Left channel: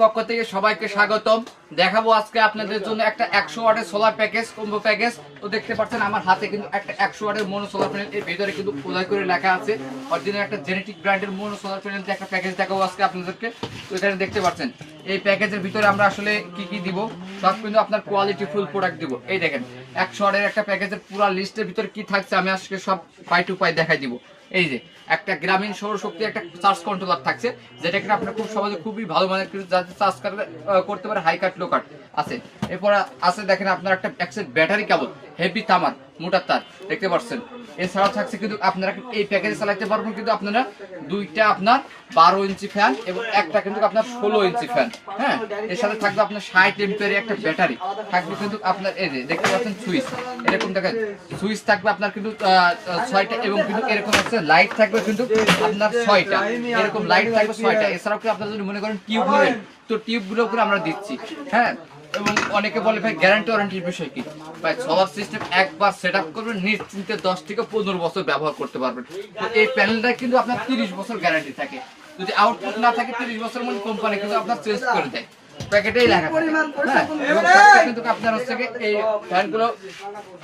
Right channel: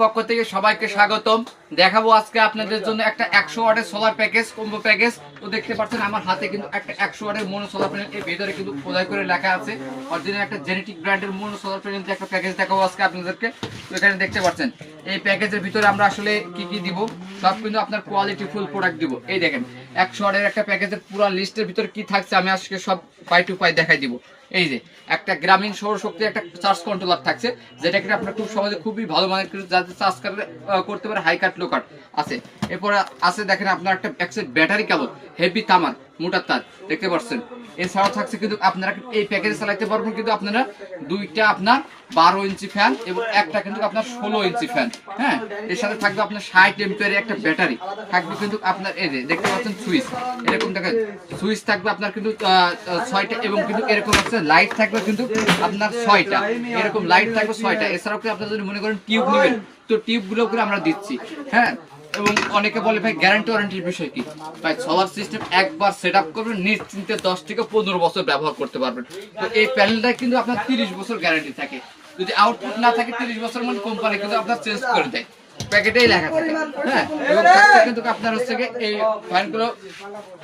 পক্ষ থেকে সবাইকে স্বাগতম। দেখাবো আজকে আপনাদের জন্য একটা 100 ওয়াটের সোলার প্যাকেজ, কম্বো প্যাকেজ। তো দেখতে পাচ্ছেন আমার হাতে কিন্তু একটা 100 ওয়াটের মোনো সোলার প্যানেল, এর ভিতরে কিন্তু খোদাই করে লেখা আছে অরিজিনাল একটা জেনেটিক ব্র্যান্ডের মোনো সোলার প্যানেল দিয়ে একটা প্যাকেজ দেখাবো আজকে আপনাদেরকে। তো এখানে দেখতে পাচ্ছেন এই প্যাকেজের ভিতরে আমরা আসলে কি কি দিব, সব কিন্তু আপনার কোয়ালিটি ফুল প্রোডাক্ট দিব। এই দেখেন 100 ওয়াটের একটা প্যাকেজের পুরো লিস্টের ভিতরে কি থাকছে আমি আজকে সব পাই টু পাই দেখাই দিব। এই যে একটা গ্রামীণ সৌরশক্তির একটা চার্জ কন্ট্রোলার থাকছে, যেটা কিনা আপনার খুব সহজে খুবই ভালো মানের যাতে চার্জ করতে পারে, হাই কাট লো কাট আছে। এরপর আছে দেখেন আপনার একটা ব্যাটারি কেবল, হেভি তামার মোটার তার দেখতে পাচ্ছেন। এছাড়াও থাকছে কিন্তু আপনারা এই প্যাকেজে চালাতে পারবেন কিন্তু আপনারা দুইটা আপনার 12 ইঞ্চি ফ্যান এবং একটা কিন্তু আপনার 16 ইঞ্চি ফ্যান। হ্যাঁ, এর সাথে থাকবে আপনার 60 এম্পিয়ারের একটা ব্যাটারি থাকবে কিন্তু আপনার। এই যে দেখতে পাচ্ছেন সুইচ, এরকম দেখেন সুইচ থাকবে আপনার কিন্তু 6টা এবং কিন্তু এরকম হচ্ছে লাইট থাকবে কিন্তু আপনার 6টা, এরকম লাইট থাকবে 6টা। এছাড়াও কি আপনারা যদি মনে করেন টিউব নেবেন তো টিউবগুলো করে আমরা দিচ্ছি। হ্যাঁ, এবং অনেকে বলে ভাই গ্যারান্টি ওয়ারেন্টির বিষয় কি, ভাই সোলার সিস্টেম একবার সেট আপ করবেন নিশ্চিন্তে 10 থেকে 15 বছর ব্যবহার করতে পারবেন। তো এই প্যানেলটা কিন্তু আপনার 30 বছর গ্যারান্টি থাকে, যদি আউটপুট না থাকে 30 বছর মানে কোম্পানি কিন্তু আপনার চেঞ্জ করে দেয়, প্যাকেটেই লেখা থাকে। হ্যাঁ, এবং কিন্তু আপনার হচ্ছে এই ফ্যানগুলো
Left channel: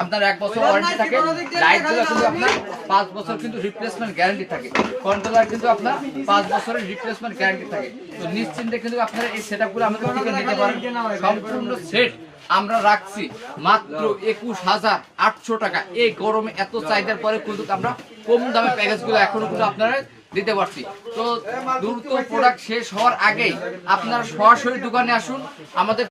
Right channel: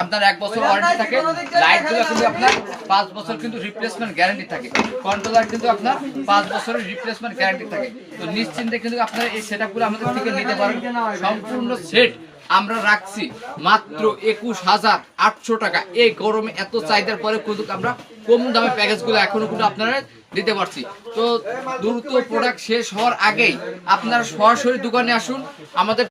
আপনার 1 বছর ওয়ারেন্টি থাকে, লাইটগুলো কিন্তু আপনার 5 বছর কিন্তু রিপ্লেসমেন্ট গ্যারান্টি থাকে, কন্ট্রোলার কিন্তু আপনার 5 বছরের রিপ্লেসমেন্ট গ্যারান্টি থাকে। তো নিশ্চিন্তে কিন্তু আপনারা এই সেটআপগুলো আমাদের থেকে নিতে পারেন। সম্পূর্ণ সেট আমরা রাখছি মাত্র 21,800 টাকা। এই গরমে এত চাহিদার পরে কিন্তু আমরা কম দামে প্যাকেজগুলো এখনো কিন্তু আপনারা দিতে পারছি। তো দ্রুত প্রোডাক্ট শেষ হওয়ার আগেই আপনারা সরাসরি দোকানে আসুন। আমাদের